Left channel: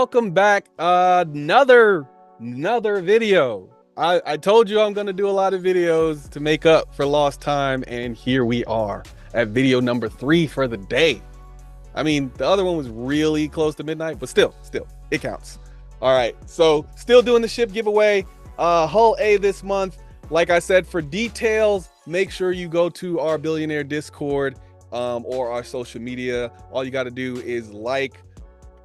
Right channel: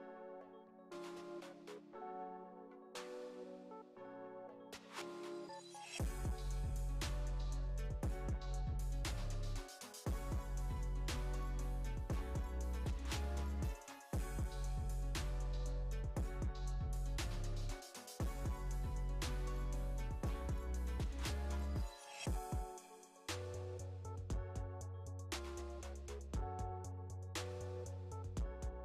welcome back. Another video. I told you I'm gonna do a lot of videos to make up for lost time, and here we are at video number 3 for the day. I mean, the other one was really close to midnight, but still, it counts. All right, so still doing the ship giveaway. Hull A this month. Like I said, for details, make sure you go to our Billionaire Discord or our social media. All you got to do is like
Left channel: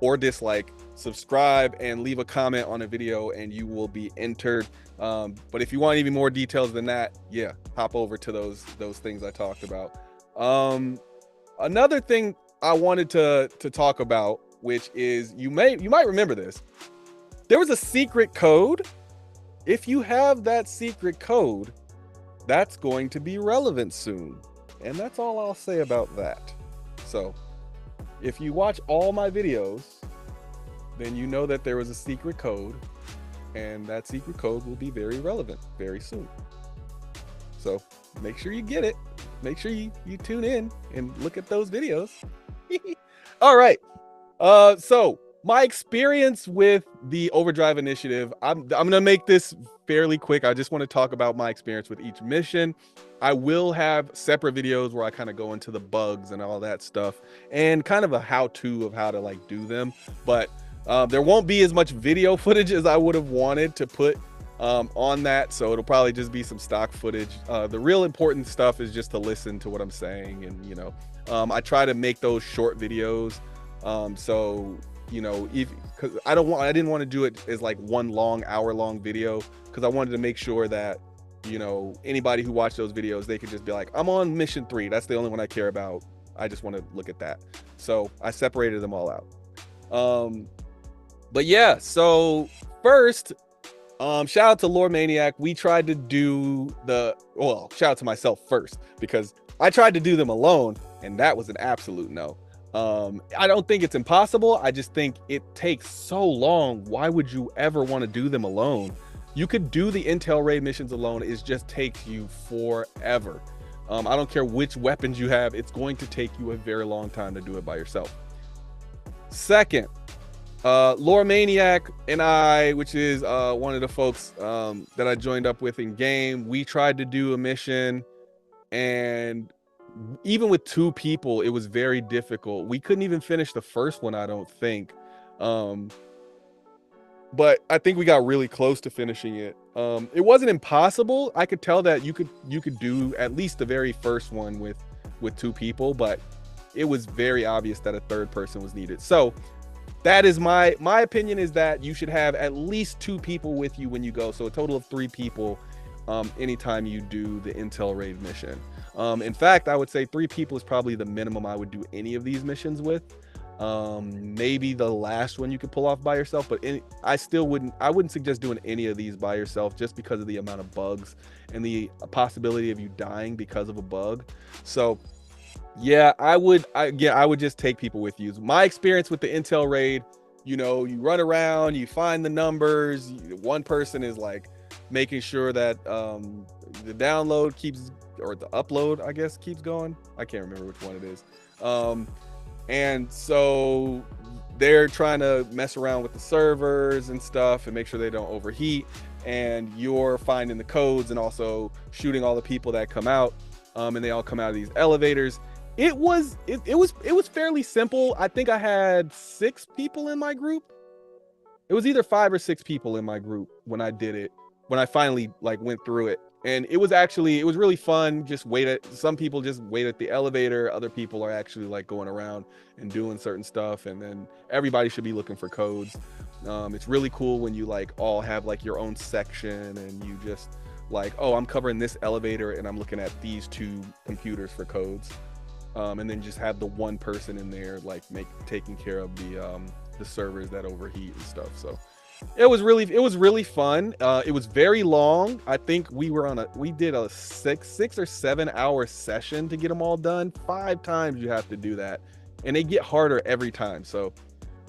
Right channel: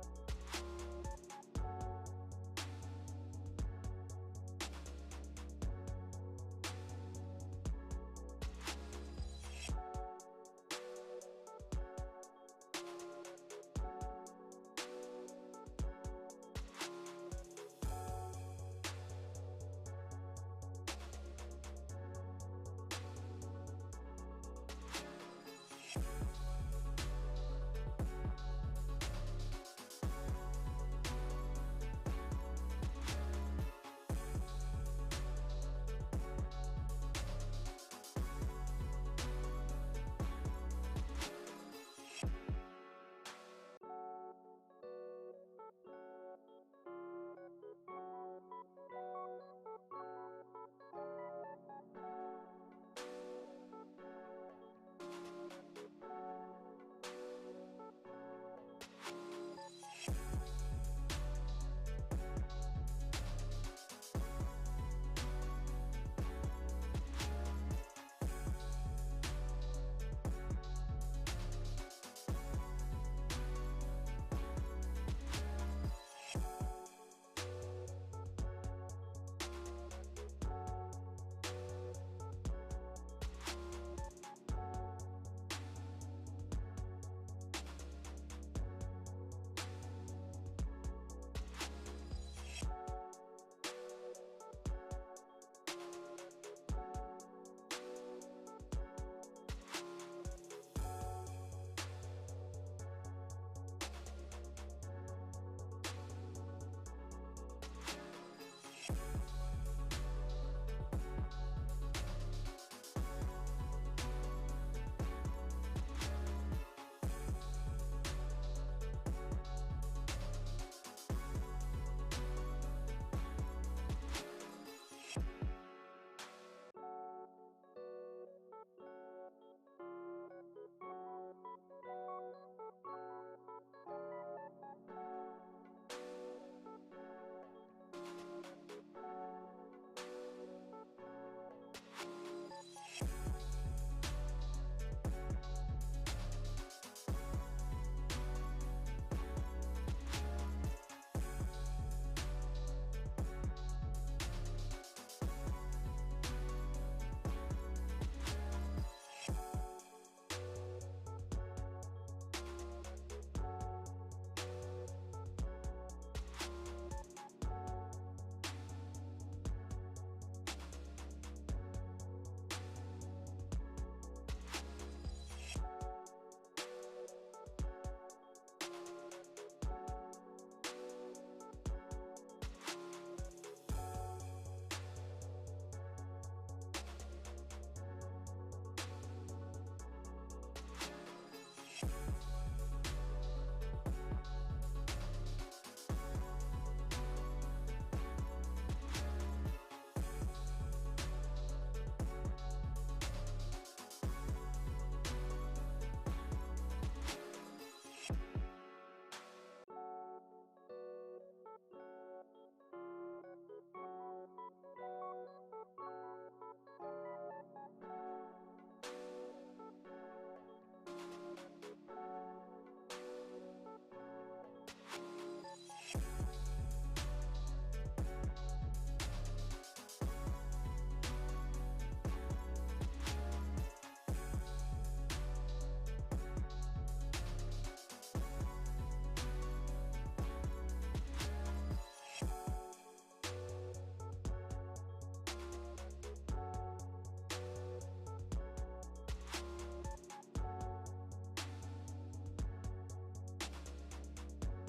or dislike, subscribe, and leave a comment on a video, and you will be entered. But if you want even more details than that, yeah, hop over to those things I talked about. Another thing I wanted to talk about, which is you might remember this. There was a secret code. If you have that secret code, that's going to be relevant soon. And that's all I'll say about that. So if you watch all my videos, then you know that there was a secret code, and that secret code will be very relevant very soon. So make sure you get it. Make sure you tune in and look at those videos. All right. So my experience with the Overdrive Initiative, I'm gonna make this fairly quick. I just want to talk about my experience with each mission. I will have separate videos where I kind of go into the bugs and all that stuff, and kind of a how-to of how to like do them. But there won't be as much video footage as I would have wanted to put on that, so it'll probably just be some stock footage. The real important stuff is just to listen to what I'm saying, and I try to make those short videos. So because I didn't want to do it as like one long hour-long video, because I wanted to make sure that anybody who watched those videos, they could just be like, I'm on mission 3, that's the only one I care about, I just want to look at that. So I separated them all out. But yeah, so first, shout out to Lore Maniac. We tried to do shout out to myself first, because I tried to do them alone, and that was an absolute no. I don't think it's impossible. I just think it takes so long. Why would you ever want to do them alone? You could do the intel raid missions alone. It just takes you forever. I don't care which weapons you have. It's going to take you a very long time to do it by yourself. Second, Lore Maniac and I, which is one of the folks that I joined up with in game, we tried to do a mission, and even with 2 people, it was very difficult. We couldn't even finish the first one, I don't think. But I think we got really close to finishing it. It wasn't impossible. I could tell that you could do at least the very first one with 2 people, but it was very obvious that a 3rd person was needed. So that is my opinion, is that you should have at least 2 people with you when you go. So a total of 3 people anytime you do the intel raid mission. In fact, I would say 3 people is probably the minimum I would do any of these missions with. Maybe the last one you could pull off by yourself, but I wouldn't suggest doing any of these by yourself, just because of the amount of bugs and the possibility of you dying because of a bug. So yeah, I would just take people with you. My experience with the intel raid, you run around, you find the numbers, one person is like making sure that the download keeps, or the upload, I guess, keeps going. I can't remember which one it is. And so they're trying to mess around with the servers and stuff and make sure they don't overheat, and you're finding the codes and also shooting all the people that come out, and they all come out of these elevators. It was fairly simple. I think I had 6 people in my group. It was either 5 or 6 people in my group when I did it, when I finally like went through it. And it was really fun. Some people just wait at the elevator. Other people are actually like going around and doing certain stuff. And then everybody should be looking for codes. It's really cool when you like all have like your own section, and you just like, oh, I'm covering this elevator and I'm looking at these 2 computers for codes. And then just have the one person in there like taking care of the servers that overheat and stuff. So it was really fun. It was very long. I think we did a 6 or 7 hour session to get them all done. 5 times you have to do that, and they get harder every time. So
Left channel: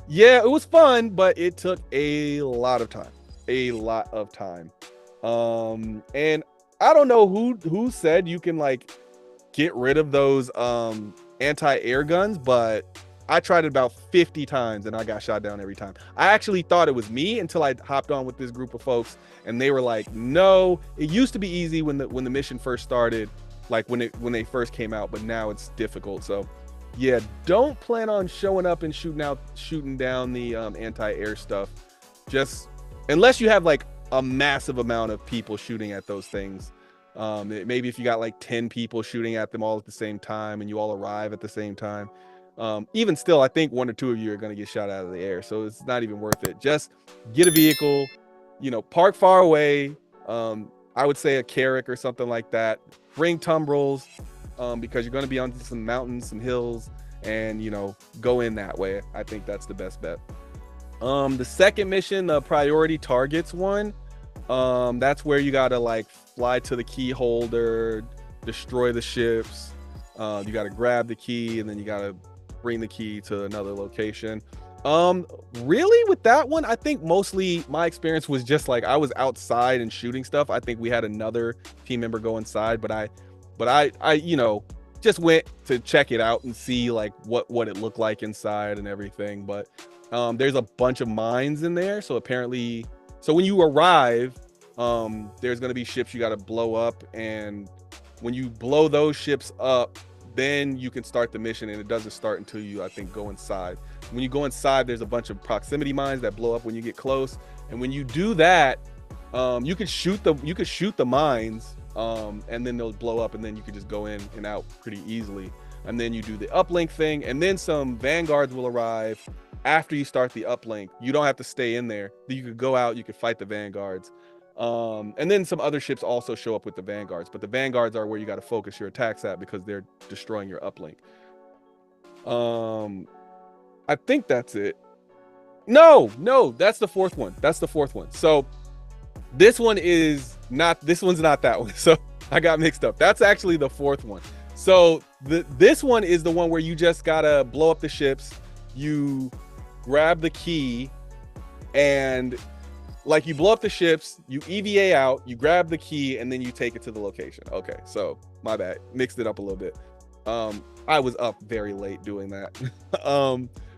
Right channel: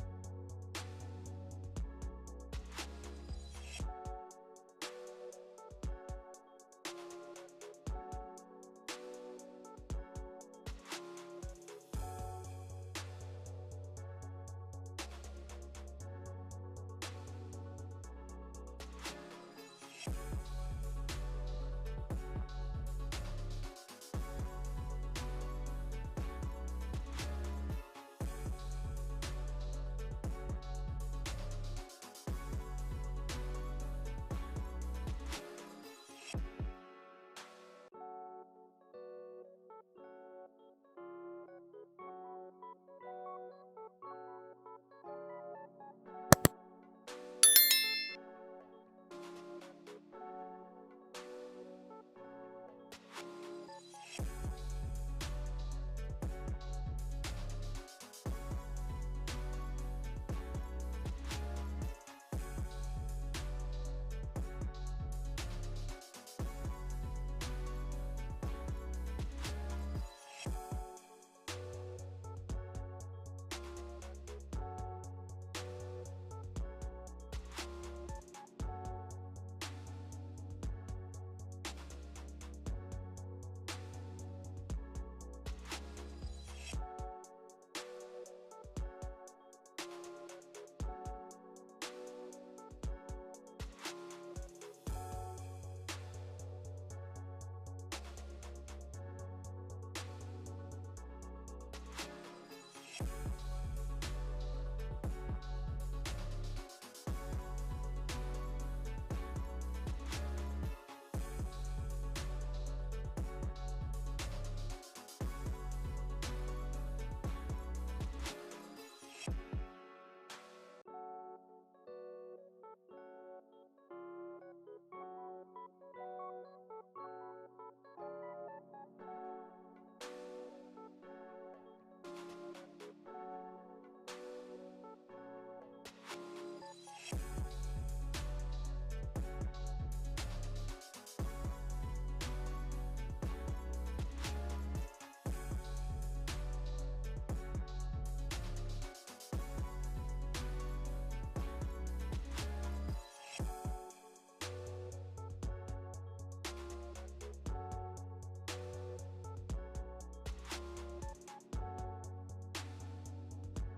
yeah, it was fun, but it took a lot of time. And I don't know who said you can like get rid of those anti-air guns, but I tried it about 50 times and I got shot down every time. I actually thought it was me until I hopped on with this group of folks and they were like, no, it used to be easy when the mission first started, like when they first came out, but now it's difficult. So yeah, don't plan on showing up and shooting down the anti-air stuff. Just unless you have like a massive amount of people shooting at those things. Maybe if you got like 10 people shooting at them all at the same time and you all arrive at the same time. Even still, I think 1 or 2 of you are going to get shot out of the air. So it's not even worth it. Just get a vehicle, you know, park far away. I would say a Carrack or something like that. Bring tumbrils because you're going to be on some mountains, some hills, and, you know, go in that way. I think that's the best bet. The second mission, the priority targets one, that's where you got to like fly to the key holder, destroy the ships. You got to grab the key and then you got to bring the key to another location. Really with that one, I think mostly my experience was just like I was outside and shooting stuff. I think we had another team member go inside, but I you know, just went to check it out and see like what it looked like inside and everything. But there's a bunch of mines in there, so apparently, so when you arrive, there's going to be ships you got to blow up, and when you blow those ships up, then you can start the mission, and it doesn't start until you, I think, go inside. When you go inside, there's a bunch of proximity mines that blow up when you get close, and when you do that, you could shoot the mines, and then they'll blow up, and then you can just go in and out pretty easily. And then you do the uplink thing, and then some vanguards will arrive after you start the uplink. You don't have to stay in there. You could go out, you could fight the vanguards. And then some other ships also show up with the vanguards, but the vanguards are where you got to focus your attacks at because they're destroying your uplink. I think that's it. No, that's the fourth one. That's the fourth one. So this one's not that one. So I got mixed up. That's actually the fourth one. So this one is the one where you just gotta blow up the ships. You grab the key and like you blow up the ships, you EVA out, you grab the key, and then you take it to the location. Okay, so my bad, mixed it up a little bit. I was up very late doing that.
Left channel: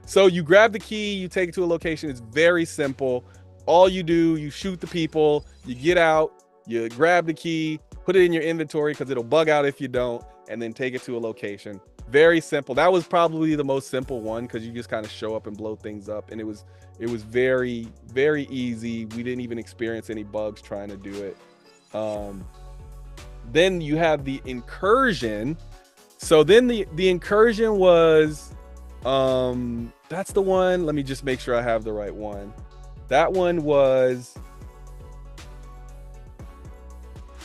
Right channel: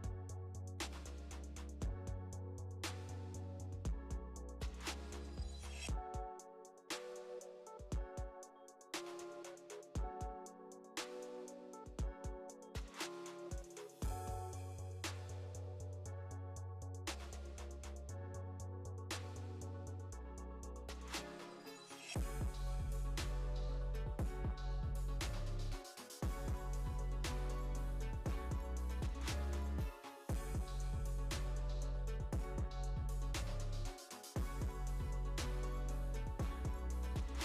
So you grab the key, you take it to a location. It's very simple. All you do, you shoot the people, you get out, you grab the key, put it in your inventory because it'll bug out if you don't, and then take it to a location. Very simple. That was probably the most simple one because you just kind of show up and blow things up, and it was very, very easy. We didn't even experience any bugs trying to do it. Then you have the Incursion. So then the Incursion was, that's the one. Let me just make sure I have the right one. That one was,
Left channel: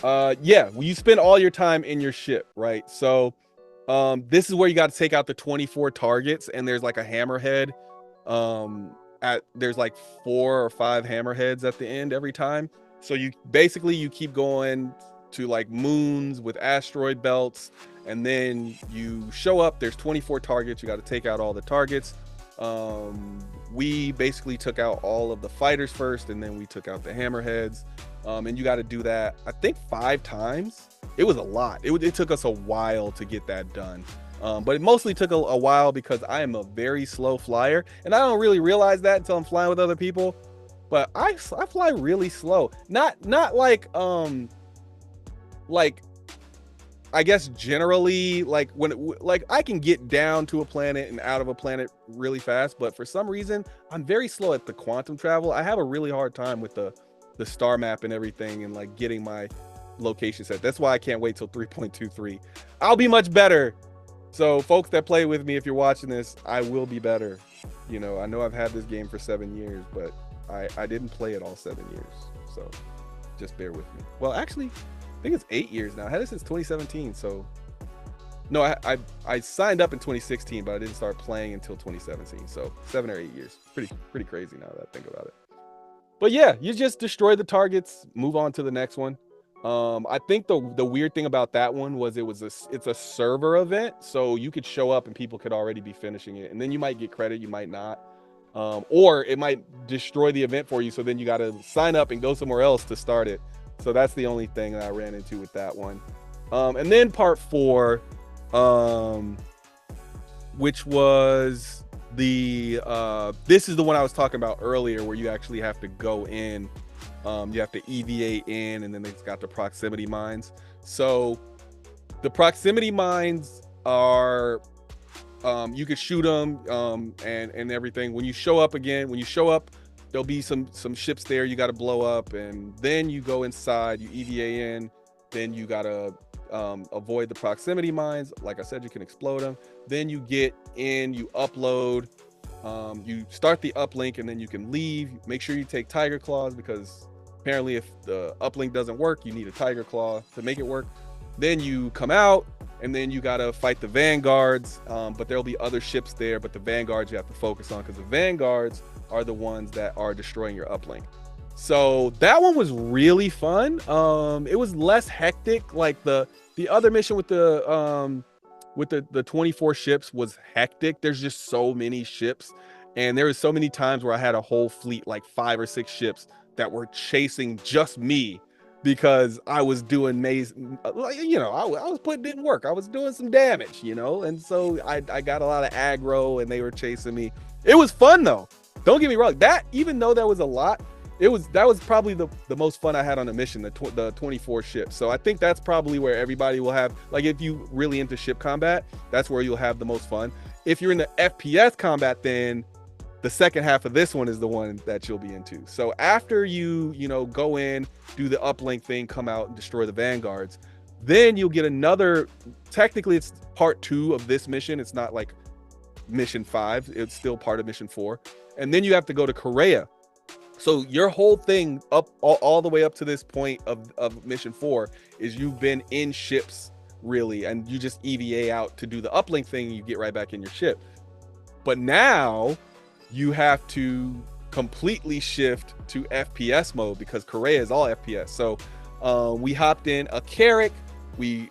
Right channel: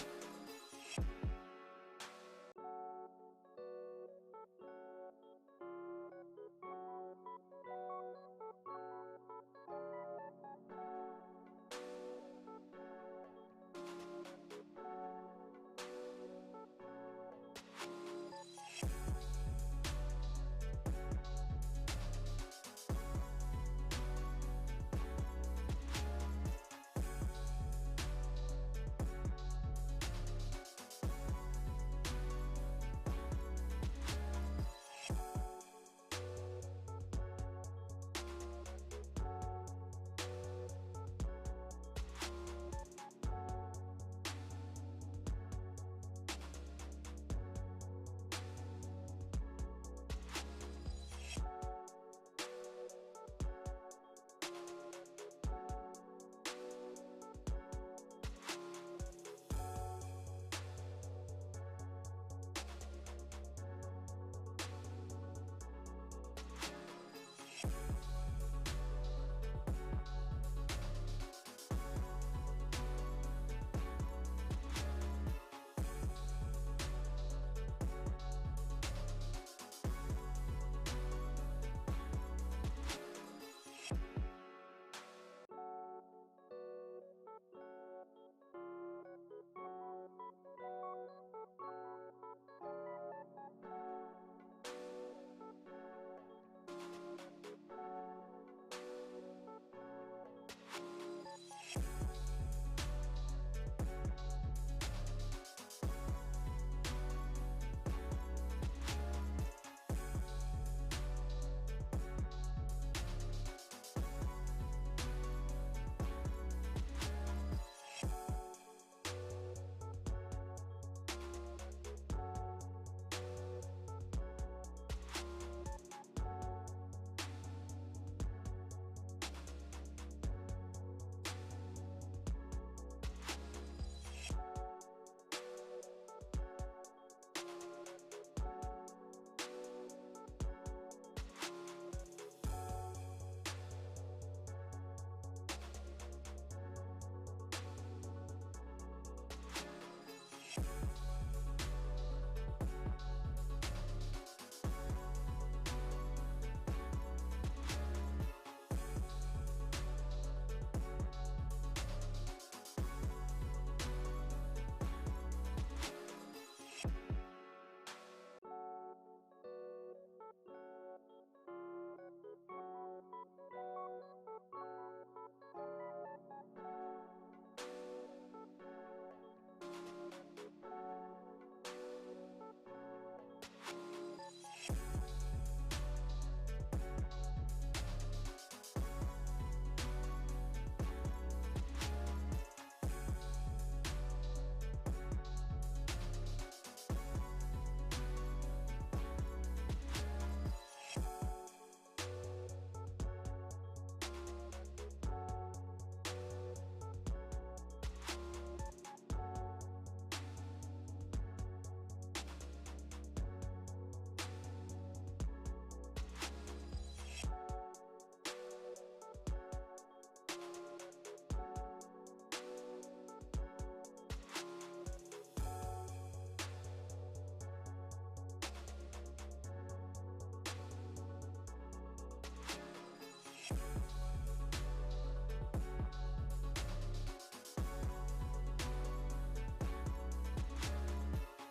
yeah, well, you spend all your time in your ship, right? So this is where you got to take out the 24 targets, and there's like a hammerhead. There's like 4 or 5 hammerheads at the end every time. So you keep going to like moons with asteroid belts, and then you show up, there's 24 targets, you got to take out all the targets. We basically took out all of the fighters first, and then we took out the hammerheads. And you got to do that, I think 5 times. It was a lot. It took us a while to get that done. But it mostly took a while because I am a very slow flyer, and I don't really realize that until I'm flying with other people. But I fly really slow. Not like I guess generally like like I can get down to a planet and out of a planet really fast, but for some reason I'm very slow at the quantum travel. I have a really hard time with the star map and everything, and like getting my location set. That's why I can't wait till 3.23. I'll be much better. So folks that play with me, if you're watching this, I will be better. You know, I know I've had this game for 7 years, but I didn't play it all 7 years. So just bear with me. Well, actually, I think it's 8 years now. I had it since 2017. So no, I signed up in 2016, but I didn't start playing until 2017. So 7 or 8 years. Pretty crazy now that I think about it. But yeah, you just destroy the targets, move on to the next one. I think the weird thing about that one was it's a server event, so you could show up and people could already be finishing it, and then you might get credit, you might not, or it might destroy the event for you, so then you got to sign up and go somewhere else to start it. So that's the only thing that I ran into with that one. And then part 4, which was this is the one I was talking about earlier, where you actually have to go in, you have to EVA in, and then it's got the proximity mines. So the proximity mines are, you could shoot them, and everything. When you show up, there'll be some ships there you got to blow up, and then you go inside, you EVA in, then you gotta avoid the proximity mines. Like I said, you can explode them. Then you get in, you upload, you start the uplink, and then you can leave. Make sure you take tiger claws, because apparently if the uplink doesn't work, you need a tiger claw to make it work. Then you come out, and then you gotta fight the vanguards, but there'll be other ships there, but the vanguards you have to focus on, because the vanguards are the ones that are destroying your uplink. So that one was really fun. It was less hectic. Like the other mission with the 24 ships was hectic. There's just so many ships, and there was so many times where I had a whole fleet, like 5 or 6 ships, that were chasing just me, because I was doing I was putting in work. I was doing some damage, and so I got a lot of aggro, and they were chasing me. It was fun though. Don't get me wrong. That, even though that was a lot, that was probably the most fun I had on a mission, the 24 ships. So I think that's probably where everybody will have, like, if you really into ship combat, that's where you'll have the most fun. If you're into FPS combat, then the second half of this one is the one that you'll be into. So after you go in, do the uplink thing, come out and destroy the vanguards, then you'll get another, technically it's part 2 of this mission. It's not like mission 5, it's still part of mission 4. And then you have to go to Korea. So your whole thing up all the way up to this point of mission 4 is you've been in ships, really, and you just EVA out to do the uplink thing, and you get right back in your ship. But now you have to completely shift to FPS mode, because Korea is all FPS. So we hopped in a Carrack. We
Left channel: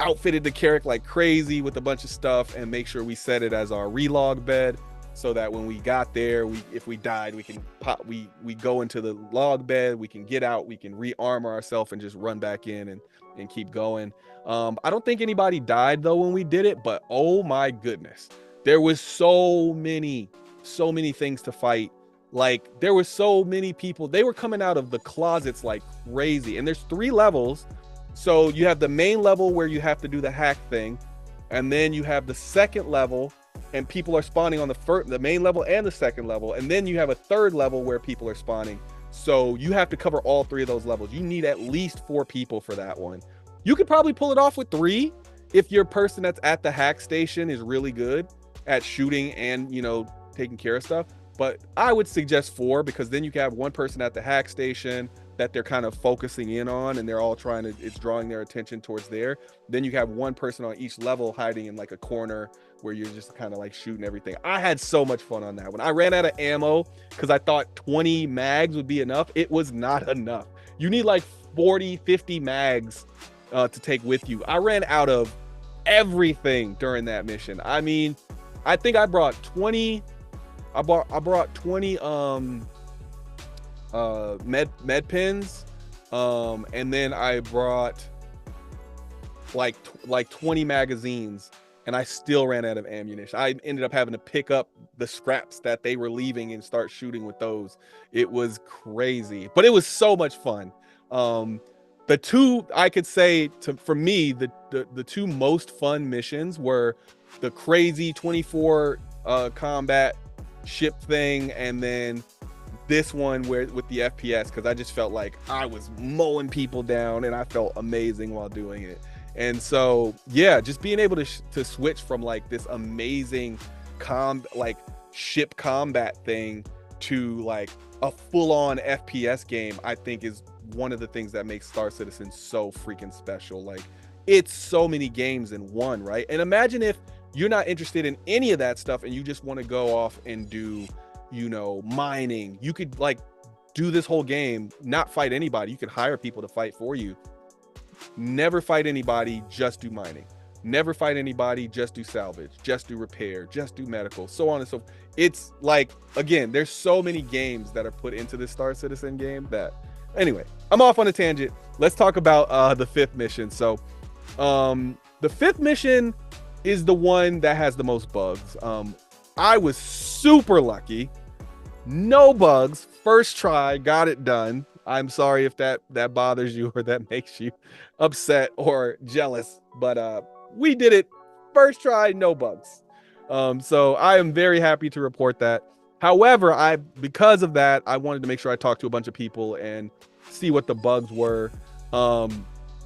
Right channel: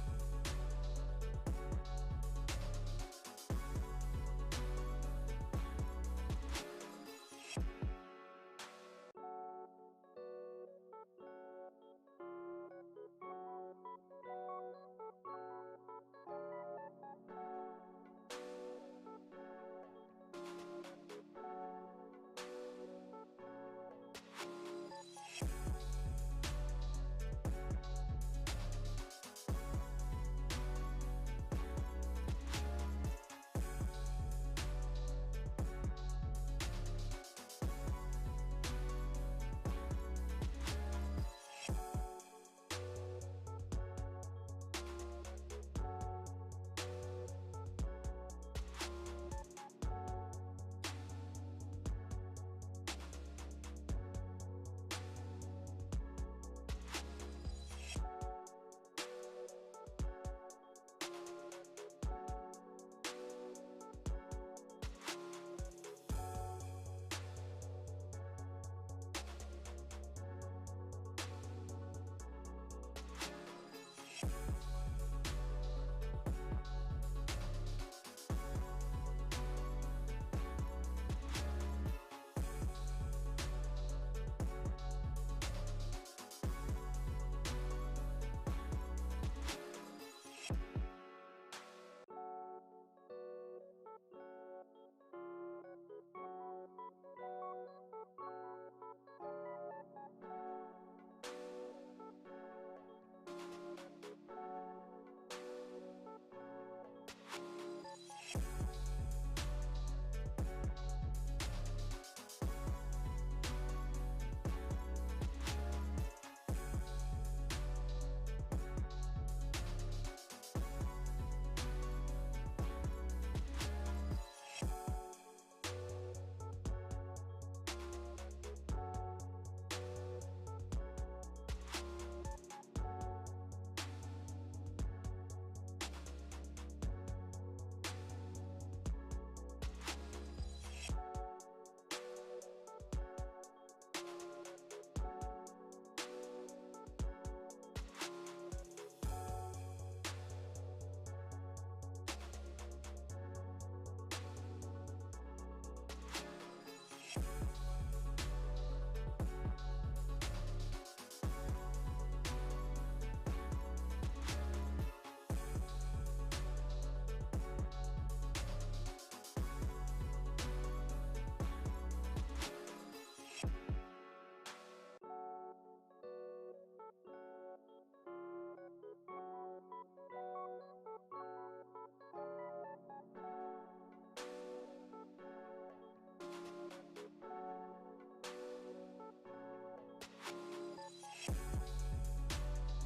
outfitted the Carrack like crazy with a bunch of stuff, and make sure we set it as our relog bed, so that when we got there, if we died, we can pop, we go into the log bed, we can get out, we can re-armor ourselves and just run back in and keep going. I don't think anybody died though when we did it, but oh my goodness, there was so many things to fight. Like, there were so many people, they were coming out of the closets like crazy. And there's 3 levels. So you have the main level where you have to do the hack thing, and then you have the second level, and people are spawning on the main level and the second level, and then you have a third level where people are spawning. So you have to cover all 3 of those levels. You need at least 4 people for that one. You could probably pull it off with 3 if your person that's at the hack station is really good at shooting and taking care of stuff. But I would suggest 4, because then you can have one person at the hack station that they're kind of focusing in on, and they're all it's drawing their attention towards there. Then you have one person on each level hiding in like a corner where you're just kind of like shooting everything. I had so much fun on that one. I ran out of ammo because I thought 20 mags would be enough. It was not enough. You need like 40, 50 mags to take with you. I ran out of everything during that mission. I mean, I think I brought 20. I brought 20 med pens, and then I brought like 20 magazines, and I still ran out of ammunition. I ended up having to pick up the scraps that they were leaving and start shooting with those. It was crazy, but it was so much fun. The 2, I could say, for me, the 2 most fun missions were the crazy 24 combat ship thing, and then this one with the FPS, because I just felt like I was mowing people down, and I felt amazing while doing it. And so yeah, just being able to switch from like this amazing ship combat thing to like a full-on FPS game, I think is one of the things that makes Star Citizen so freaking special. Like, it's so many games in one, right? And imagine if you're not interested in any of that stuff and you just want to go off and do mining. You could like do this whole game, not fight anybody. You could hire people to fight for you. Never fight anybody, just do mining. Never fight anybody, just do salvage, just do repair, just do medical, so on and so forth. It's like, again, there's so many games that are put into this Star Citizen game that, anyway, I'm off on a tangent. Let's talk about the 5th mission. So the 5th mission is the one that has the most bugs. I was super lucky. No bugs, first try, got it done. I'm sorry if that bothers you or that makes you upset or jealous, but we did it first try, no bugs. So I am very happy to report that. However, because of that, I wanted to make sure I talked to a bunch of people and see what the bugs were.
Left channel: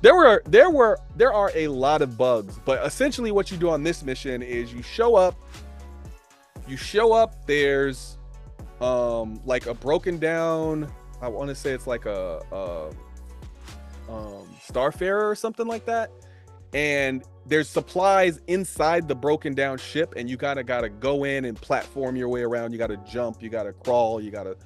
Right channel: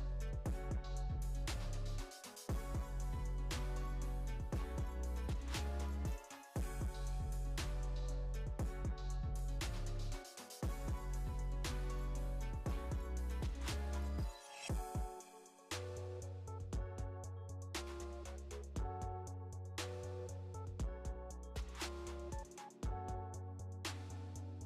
There are a lot of bugs, but essentially what you do on this mission is you show up, there's like a broken down, I want to say it's like a Starfarer or something like that, and there's supplies inside the broken down ship, and you gotta go in and platform your way around. You gotta jump, you gotta crawl, you gotta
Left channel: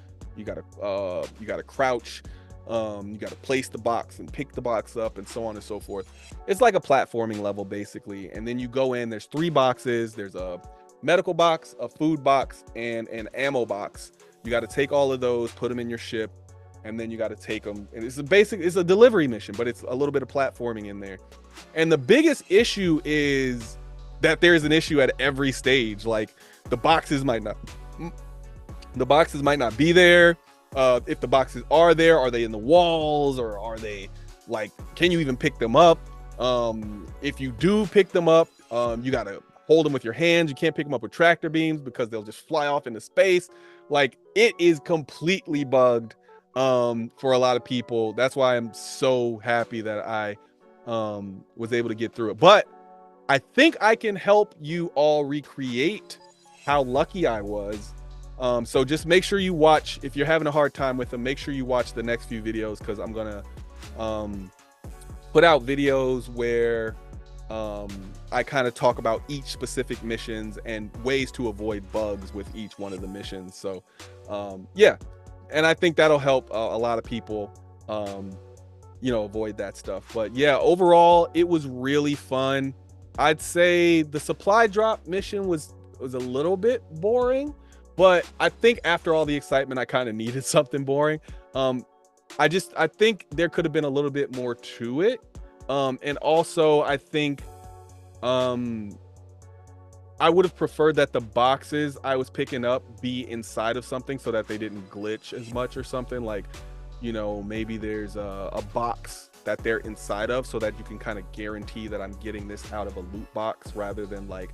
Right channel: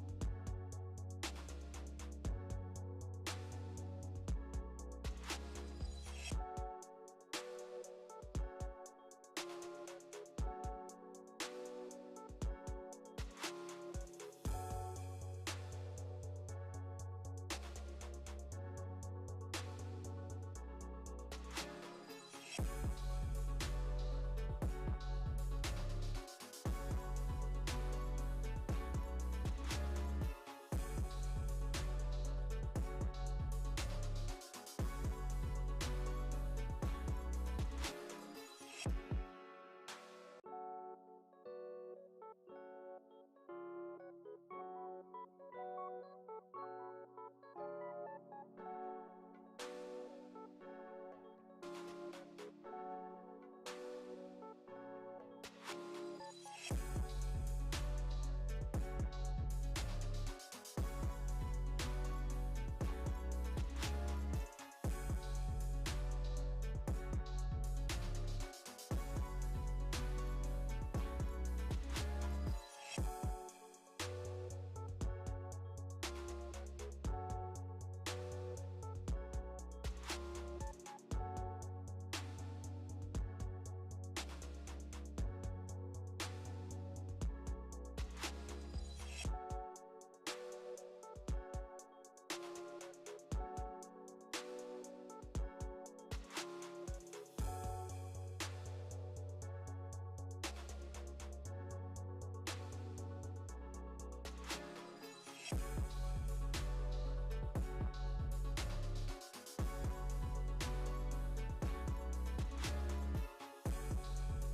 crouch, you gotta place the box and pick the box up, and so on and so forth. It's like a platforming level basically. And then you go in, there's 3 boxes. There's a medical box, a food box, and an ammo box. You got to take all of those, put them in your ship, and then you got to take them. And it's a delivery mission, but it's a little bit of platforming in there. And the biggest issue is that there's an issue at every stage. Like the boxes might not be there. If the boxes are there, are they in the walls, or are they like, can you even pick them up? If you do pick them up, you got to hold them with your hands. You can't pick them up with tractor beams because they'll just fly off into space. Like, it is completely bugged for a lot of people. That's why I'm so happy that I was able to get through it. But I think I can help you all recreate how lucky I was. So just make sure you watch, if you're having a hard time with them, make sure you watch the next few videos, because I'm gonna put out videos where I kind of talk about each specific missions and ways to avoid bugs with each one of the missions. So yeah, and I think that'll help a lot of people avoid that stuff. But yeah, overall it was really fun. I'd say the supply drop mission was a little bit boring, but I think after all the excitement, I kind of needed something boring. I think there could have been a little bit more to it. And also I think I would have preferred that the boxes I was picking up be inside of something so that they didn't glitch as much or something. Like, maybe there's a box that they're inside of, so that you can kind of guarantee that I'm getting this out of a loot box, rather than like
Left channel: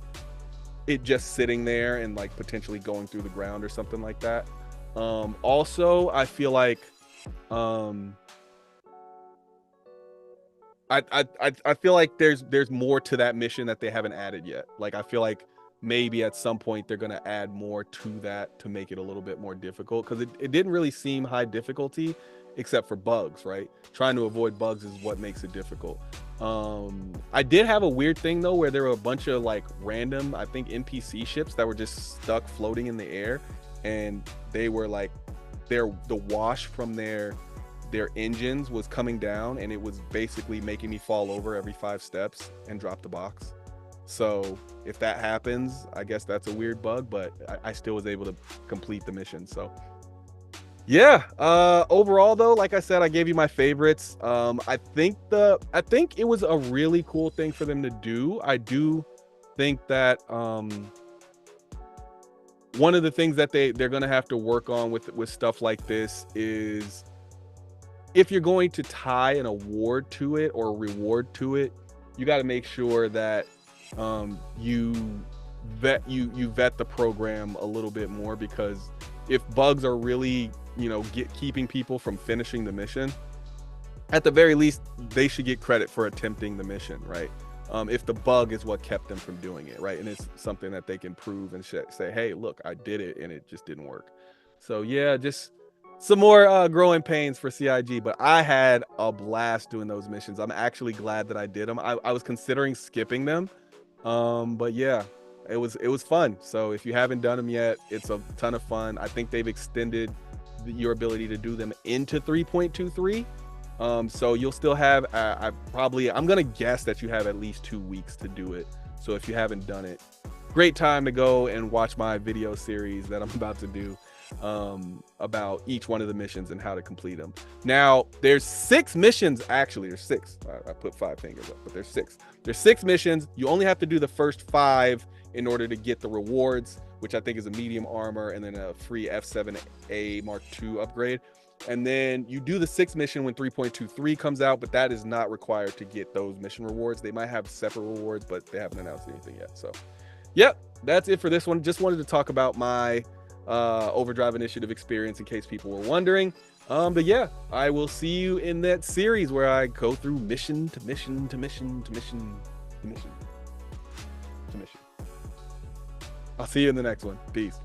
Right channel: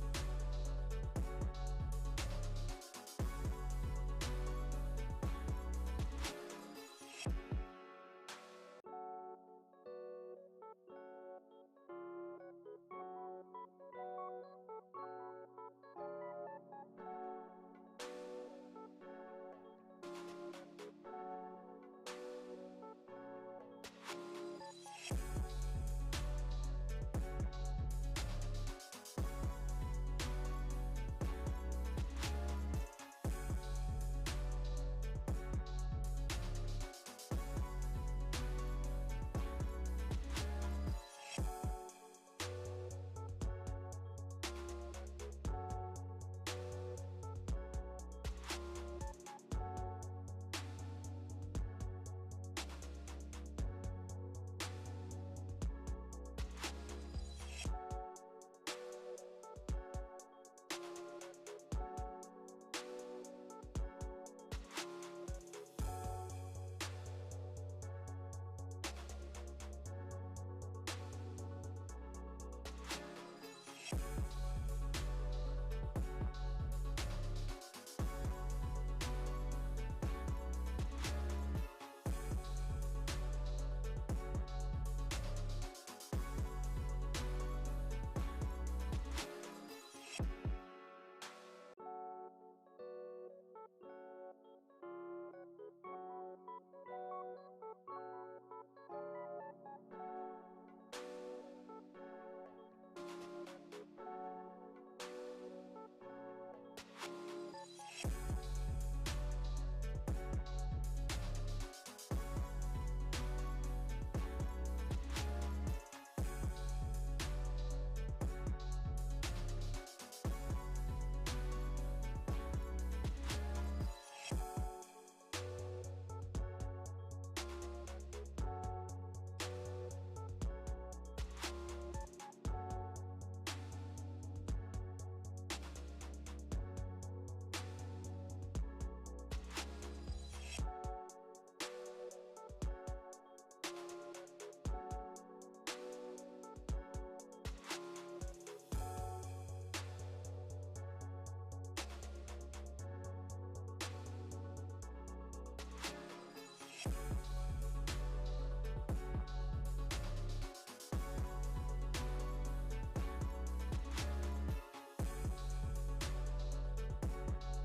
it just sitting there and like potentially going through the ground or something like that. Also, I feel like I feel like there's more to that mission that they haven't added yet. Like, I feel like maybe at some point they're gonna add more to that to make it a little bit more difficult, because it didn't really seem high difficulty except for bugs, right? Trying to avoid bugs is what makes it difficult. I did have a weird thing though, where there were a bunch of like random, I think, NPC ships that were just stuck floating in the air, and they were like, the wash from their engines was coming down, and it was basically making me fall over every 5 steps and drop the box. So if that happens, I guess that's a weird bug, but I still was able to complete the mission. So yeah, overall though, like I said, I gave you my favorites. I think it was a really cool thing for them to do. I do think that one of the things that they're gonna have to work on with stuff like this is, if you're going to tie an award to it or a reward to it, you got to make sure that you vet the program a little bit more, because if bugs are really keeping people from finishing the mission, at the very least they should get credit for attempting the mission, right? If the bug is what kept them from doing it, right? And it's something that they can prove and say, hey, look, I did it and it just didn't work. So yeah, just some more growing pains for CIG, but I had a blast doing those missions. I'm actually glad that I did them. I was considering skipping them, but yeah, it was fun. So if you haven't done them yet, it's a ton of fun. I think they've extended your ability to do them into 3.23. So you'll still have, I'm gonna guess that you have at least 2 weeks to do it. So if you haven't done it, great time to go and watch my video series that I'm about to do about each one of the missions and how to complete them. Now there's 6 missions. Actually, there's 6. I put 5 fingers up, but there's 6. There's 6 missions. You only have to do the first 5 in order to get the rewards, which I think is a medium armor and then a free F7A Mark II upgrade. And then you do the 6th mission when 3.23 comes out, but that is not required to get those mission rewards. They might have separate rewards, but they haven't announced anything yet. So, yep, that's it for this one. Just wanted to talk about my Overdrive Initiative experience in case people were wondering. But yeah, I will see you in that series where I go through mission to mission to mission to mission to mission to mission. I'll see you in the next one. Peace.